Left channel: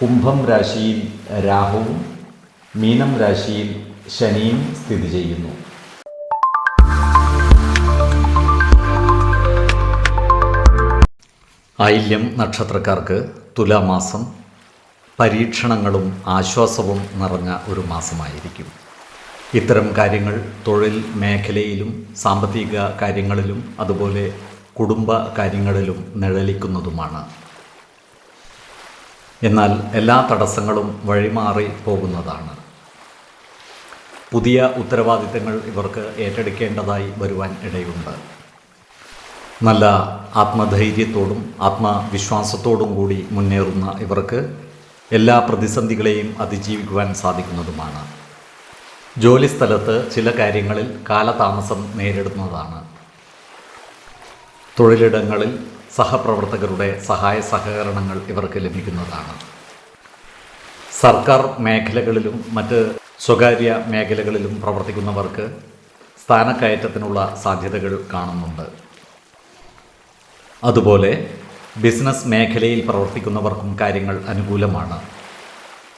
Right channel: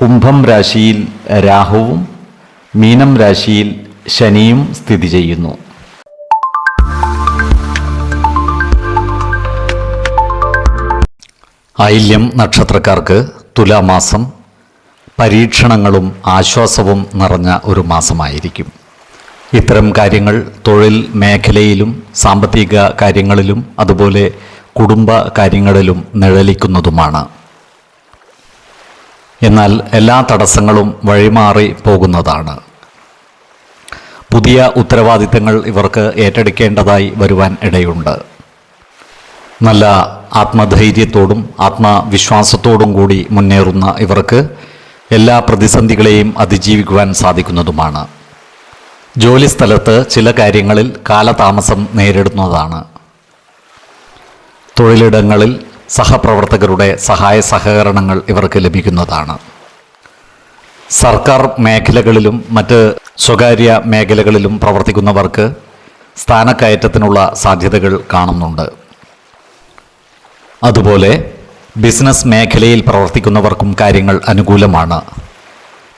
കുംഭം രാശിയിൽ രാഹുവും മീനം രാശിയിൽ ശനിയും സ്ഥിതി ചെയ്യുന്നു. ഐല്യം നക്ഷത്രക്കാർക്ക് തുലാമാസം പരീക്ഷണങ്ങളും ആശ്വാസവും നിറഞ്ഞ ഒരു മാസമായിരിക്കും. ഇത്തരം കാര്യങ്ങൾ തൊഴിൽ മേഖലയിലും സാമ്പത്തിക കാര്യങ്ങളിലും അതുപോലെ കുടുംബ കാര്യങ്ങളിലും നിഴലിക്കുന്നതുമാണ്. എന്നാൽ എല്ലാ തടസ്സങ്ങളും വഴിമാറി പോകുന്നതാണ്. പുതിയ ഉത്തരവാദിത്തങ്ങൾ ഇവർക്ക് ഏറ്റെടുക്കേണ്ടതായി വരുവാൻ ഇടയുണ്ട്. നല്ല ആത്മധൈര്യത്തോടും ആത്മവിശ്വാസത്തോടും കൂടി മുന്നേറുന്ന ഇവർക്ക് എല്ലാ പ്രതിസന്ധികളെയും അതിജീവിക്കുവാൻ സാധിക്കുന്നതുമാണ്. ജോലിസ്ഥലത്ത് ചില കാര്യങ്ങളിൽ കാലതാമസം നേരിടുന്നതാണ്. തൊഴിലിടങ്ങളിൽ സഹപ്രവർത്തകരുടെ സഹായ സഹകരണങ്ങൾ ഇവർക്ക് ലഭിക്കുന്നതാണ്. സർക്കാർ മേഖലകളിലും മറ്റ് സ്വകാര്യ മേഖലകളിലും പ്രവർത്തിക്കുന്നവർക്ക് സ്ഥാനക്കയറ്റത്തിനുള്ള സാധ്യതകൾ കാണുന്നുണ്ട്. അതുപോലെ ബിസിനസ് മേഖലയിൽ പ്രവർത്തിക്കുന്നവർക്കും കാര്യങ്ങൾ അനുകൂലമാണ്.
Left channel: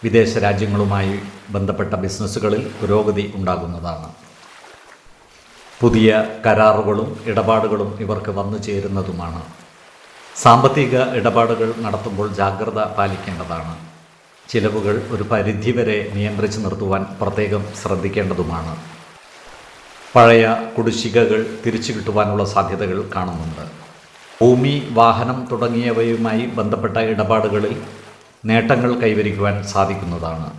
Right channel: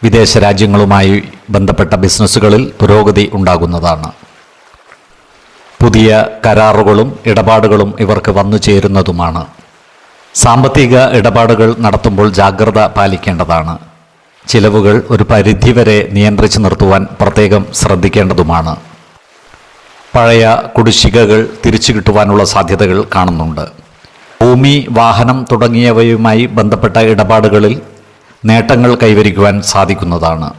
വിദേശ രാജ്യങ്ങളുമായി ബന്ധപ്പെട്ട ബിസിനസ്സുകളിൽ പുരോഗതി ഉണ്ടാകുന്നതാണ്. പുതിയ കരാറുകളും ഇടപാടുകളും ഇവർക്ക് വന്നു ചേരുന്നതുമാണ്. സാമ്പത്തിക ഇടപാടുകൾ നടത്തുമ്പോൾ ജാഗ്രത പാലിക്കേണ്ടതാണ്. ചിലവുകൾ ഒരു പരിധിവരെ നിയന്ത്രിച്ചു നിർത്തുവാൻ പ്രത്യേകം ശ്രദ്ധിക്കേണ്ടതുമാണ്. പഴയ കുടിശ്ശികകൾ തിരിച്ചു കിട്ടുവാനുള്ള സാധ്യതകൾ കാണുന്നുണ്ട്. ഭൂമി വാഹനം തുടങ്ങിയവയുമായി ബന്ധപ്പെട്ട ഇടപാടുകളിൽ നേട്ടങ്ങൾ കൈവരിക്കുവാൻ സാധിക്കുന്നതാണ്.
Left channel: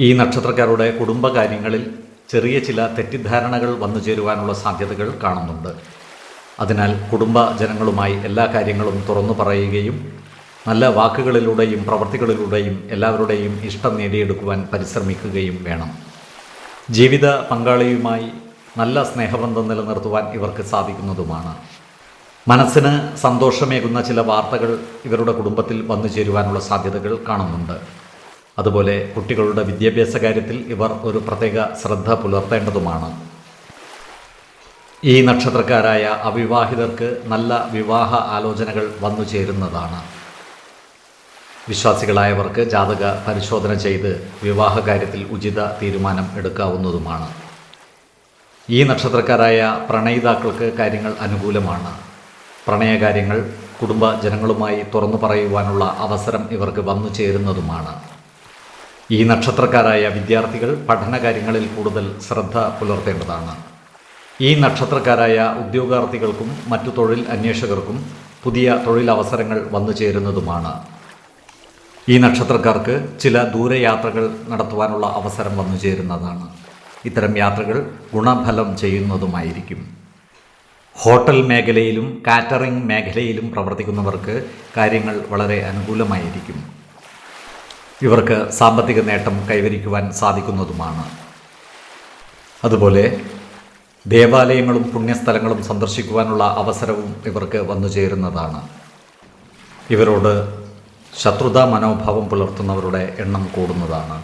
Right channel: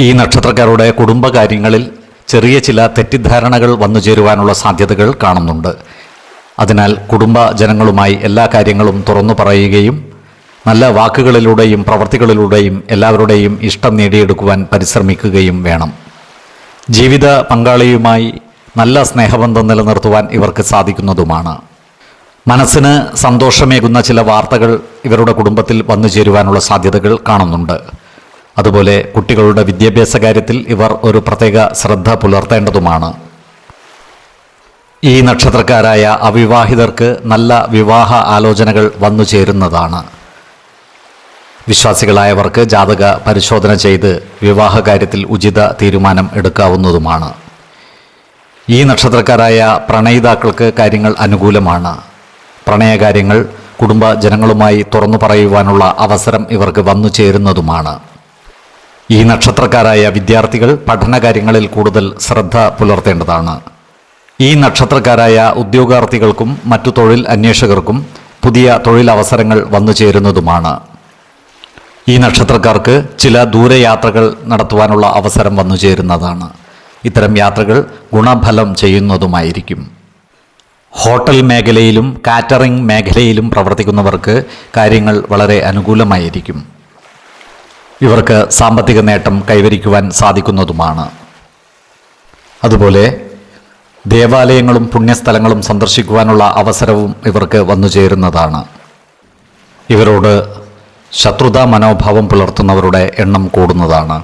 ഈ നക്ഷത്രക്കാരുടെ കുടുംബകാര്യങ്ങളിൽ ചെറിയ ചില തെറ്റിദ്ധാരണകൾ വന്നു ചേരുവാനുള്ള സാധ്യതകൾ കാണുന്നുണ്ട്. അതിനാൽ കുടുംബ ജനങ്ങളുമായി എല്ലാ കാര്യങ്ങളും തുറന്നു പറയുകയും നല്ല വാക്കുകളിലൂടെയും പ്രവർത്തികളിലൂടെയും എല്ലാവരുടെയും ഇഷ്ടം നേടിയെടുക്കുവാൻ പരിശ്രമിക്കുകയും വേണം. ജീവിത പങ്കാളിയുമായി നല്ല സ്നേഹബന്ധം നിലനിർത്തുവാൻ ഇവർക്ക് സാധിക്കുന്നതുമാണ്. മനസ്സിന് സന്തോഷമേകുന്ന ചില വാർത്തകൾ ഇവരുടെ കുടുംബത്തിൽ വന്നു ചേരുവാനുള്ള സാധ്യതകൾ കാണുന്നുണ്ട്. അതുപോലെ കുട്ടികളുടെ വിദ്യാഭ്യാസ കാര്യത്തിൽ ഇവർ ഒരു പ്രത്യേക ശ്രദ്ധ പുലർത്തേണ്ടതുമാണ്. ഈ നക്ഷത്രക്കാരായ അവിവാഹിതർക്ക് നല്ല വിവാഹ ആലോചനകൾ വന്നു ചേരുന്നതാണ്. വിശ്വാസികളായവർക്ക് ജാതക പരിശോധന ചെയ്ത് വിവാഹ കാര്യത്തിൽ ഉചിത തീരുമാനം എടുക്കാവുന്നതുമാണ്. ഈ നക്ഷത്രക്കാരായ പ്രണയിതാക്കൾക്ക് കാര്യങ്ങൾ അനുകൂലമാണ്. പ്രണയകാര്യങ്ങൾ കുടുംബ ജനങ്ങളുമായി തുറന്നു പറയുവാനുള്ള അവസരം ഇവർക്ക് വന്നു ചേരുന്നതുമാണ്. ഈ നക്ഷത്രക്കാരായ വിദ്യാർത്ഥികൾ പഠനകാര്യങ്ങളിൽ കൂടുതൽ ശ്രദ്ധ പുലർത്തേണ്ടതാണ്. ഈ നക്ഷത്രക്കാരായ ഉദ്യോഗാർത്ഥികൾക്കും മറ്റു തൊഴിൽ അന്വേഷകർക്കും പുതിയ തൊഴിലവസരങ്ങൾ വന്നു ചേരുന്നതുമാണ്. ഈ നക്ഷത്രക്കാർക്ക് ചില ദൂരയാത്രകൾ നടത്തുവാനുള്ള അവസരം വന്നു ചേരുന്നതാണ്. ഇത്തരം യാത്രകൾ ഗുണഫലം ചെയ്യുന്നതുമായിരിക്കും. ഹോട്ടൽ മേഖലയിലും കാറ്ററിംഗ് മേഖലയിലും പ്രവർത്തിക്കുന്നവർക്ക് കാര്യങ്ങൾ വളരെ അനുകൂലമായിരിക്കും. ഇവർക്ക് സാമ്പത്തിക നേട്ടം കൈവരിക്കുവാൻ സാധിക്കുന്നതുമാണ്. അതുപോലെ ദേവാലയങ്ങളും പുണ്യസ്ഥലങ്ങളും സന്ദർശിക്കുവാനുള്ള അവസരവും ഇവർക്ക് വന്നു ചേരുന്നതാണ്. ഇവരോട് ശത്രുതാ മനോഭാവം പുലർത്തുന്നവരുടെ എണ്ണം കൂടുന്നതാണ്.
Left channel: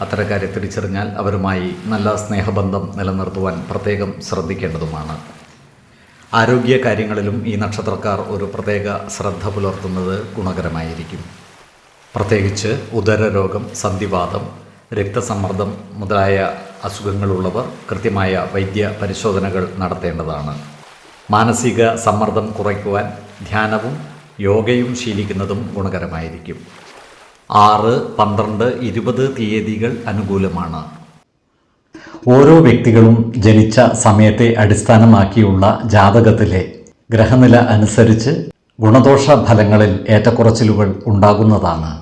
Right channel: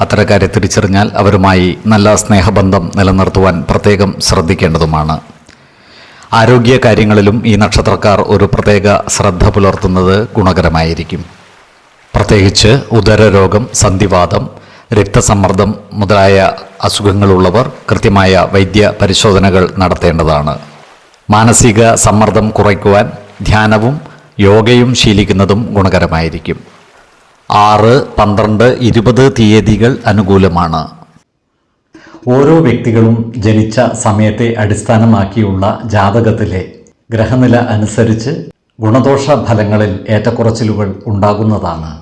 അത്തരക്കാരെ തിരിച്ചറിഞ്ഞാൽ അവരുമായി നല്ല സ്നേഹബന്ധം നിലനിർത്തുവാൻ പ്രത്യേകം ശ്രദ്ധിക്കേണ്ടതുമാണ്. ആരോഗ്യ കാര്യങ്ങളിലും ഈ നക്ഷത്രക്കാർ ഒരു പ്രത്യേക ശ്രദ്ധ പുലർത്തുന്നത് ഗുണകരമായിരിക്കും. പ്രത്യേകിച്ച് ഉദരരോഗം സന്ധിവാതം രക്തസമ്മർദ്ദം മുതലായ അസുഖങ്ങളുള്ളവർ കൃത്യമായ വൈദ്യ പരിശോധനകൾ നടത്തേണ്ടതാണ്. മാനസിക സമ്മർദ്ദം കുറയ്ക്കുവാൻ ധ്യാനവും യോഗയും ശീലിക്കുന്നതും ഗുണകരമായിരിക്കും. ആറ് പന്ത്രണ്ട് ഇരുപത് തീയതികൾ അനുകൂലമാണ്. ഓരോ വ്യക്തികളും ജനിച്ച സമയത്തെ അടിസ്ഥാനമാക്കിയുള്ള ജാതകത്തിലെ ഗ്രഹനില അനുസരിച്ച് ഗുണദോഷ ഫലങ്ങളിൽ ഏറ്റക്കുറച്ചിലുകൾ ഉണ്ടാകുന്നതാണ്.